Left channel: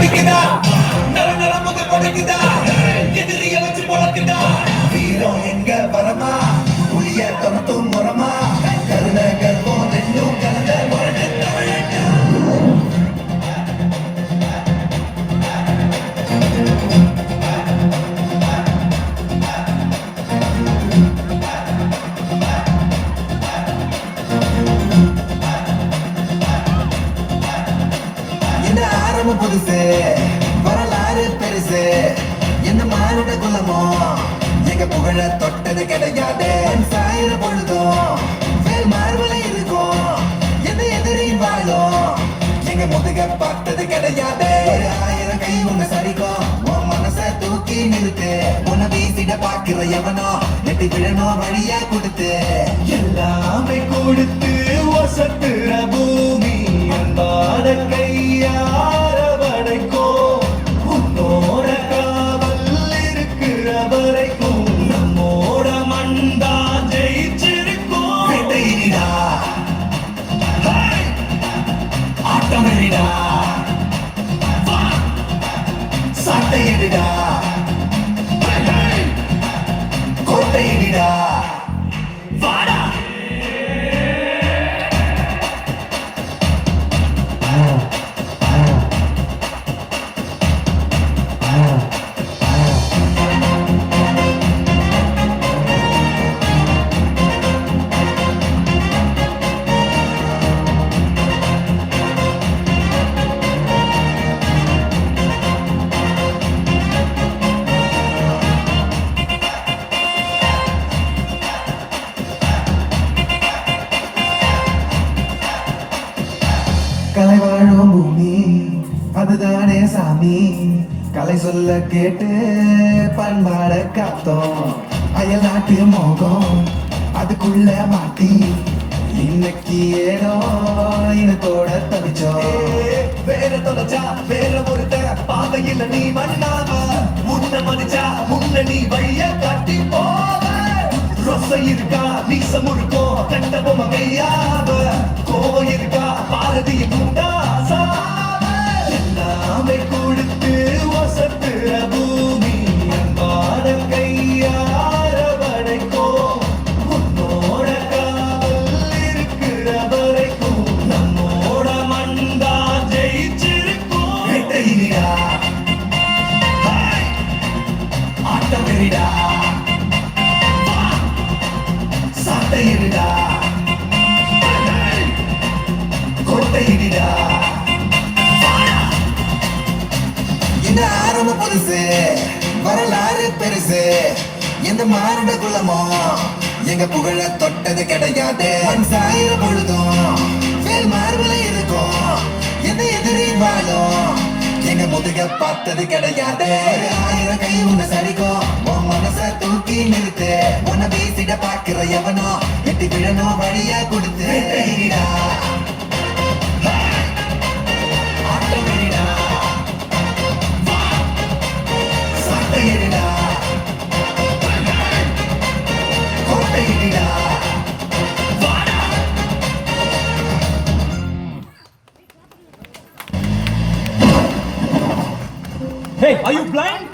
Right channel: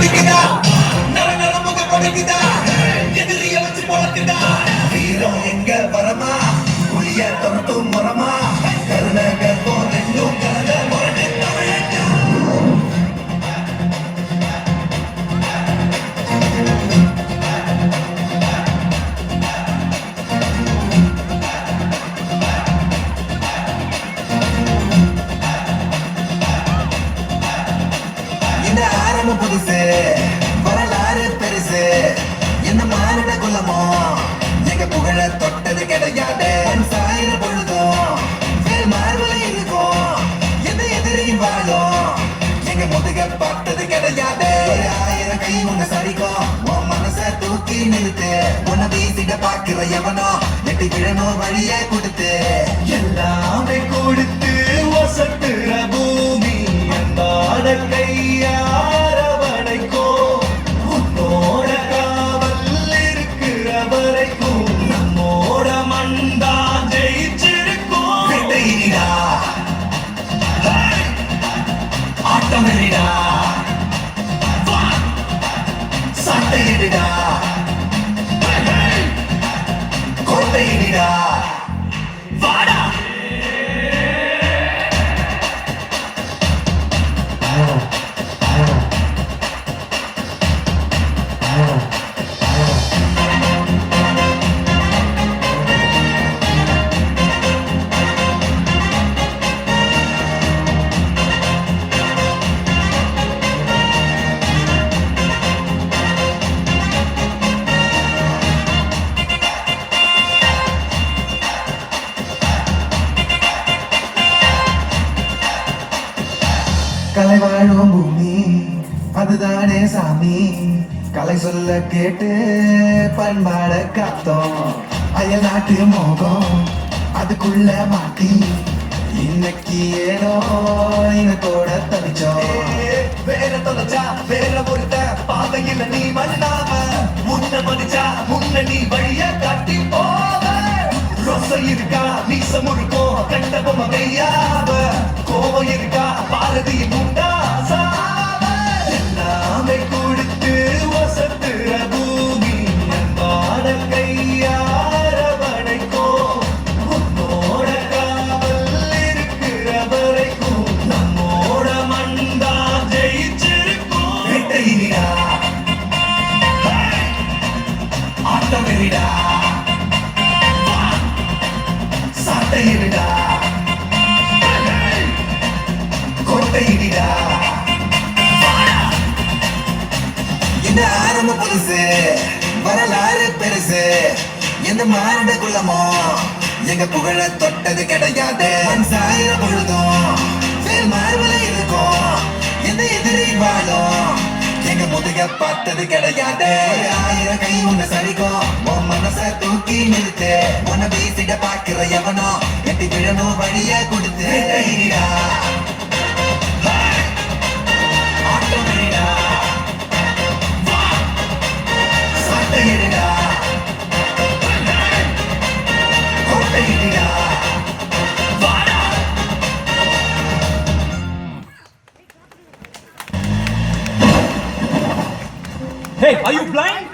பிடிக்குதா நரமுக கொடுக்குதா எதிரிய வச்சு போக்குதா வீரம் எங்க வரமா புளிய தொரட்டும் முறமா கருணக போதும் கலந்த முரட்டு இந்த ஆரம்ப புதுசு வரலாறு பெருசு என்ன மாறுட குலமோ எங்க புகழ தொட்டது கிடையாது சாயிர பொழுதும் வேல் மாறுல இருக்கும் எந்த எதிரையும் வாழும் எங்க முதுக பார்த்தது கிடையாது ஆயிரம் கை உங்க சரிக்கும் உன் மனசை தூக்கி நிறுத்து உன்னை வீசிட பாக்குற எவனோ நெட்டி விழணும் வழிய கொடுத்து எல்லாமே கொடுத்து வசத்துற பூமி அன்பான கையார வடைக்கும் உன்னோட காவல் இருக்கிற வரைக்கும் நம்மோட மண்டா ஜெயிச்சிருக்கும் வேட்டையிடா ஆட்டமிடா சட்டையிடா கோட்டையிடா வாடா கலை வாழும் பூமி அதுதானே சாமி கலை சொல்ல கேட்டு பண்பாட காத்தோம் அயல் நாட்டு மோகம் அதுக்குள்ள மாட்டி இன்னைக்கு ஏனோ இனத்தோட தவிச்சோம் வேற தொலைச்சா வேற பொறுத்த பாதையில் நீ வண்ணாம முன்ன மனுச்சா முன்ன நீ வழிய கட்டி போவ ரோசை இருக்கா மீச முறுக்கும் கண்ட பொம்மை கையாவ கோவம் இருக்கா பாரதிய முண்டா எல்லாமே கொடுத்து வசத்துற பூமி அன்பான கையார வடைக்கும் உன்னோட காவல் இருக்கிற வரைக்கும் நம்மோட மண்டா ஜெயிச்சிருக்கும் வேட்டையிடா ஆட்டமிடா சட்டையிடா கோட்டையிடா இந்த ஆரம்ப பெருசு வரலாறு பெருசு எந்த மாறுட குலமோ எங்க புகழ தொட்டது கிடையாது சாயிர பொழுதும் வேல் மாறுல இருக்கும் எந்த எதிரி வாழும் எங்க முதுக பார்த்தது கிடையாது ஆயிரம் கை உங்க சரிக்கும் உன் மனசை தூக்கி நிறுத்து உன்னை வீசிட பாக்குற எவனோ எட்டி விழணும் வழிய கொடுத்து Hey, are you blind?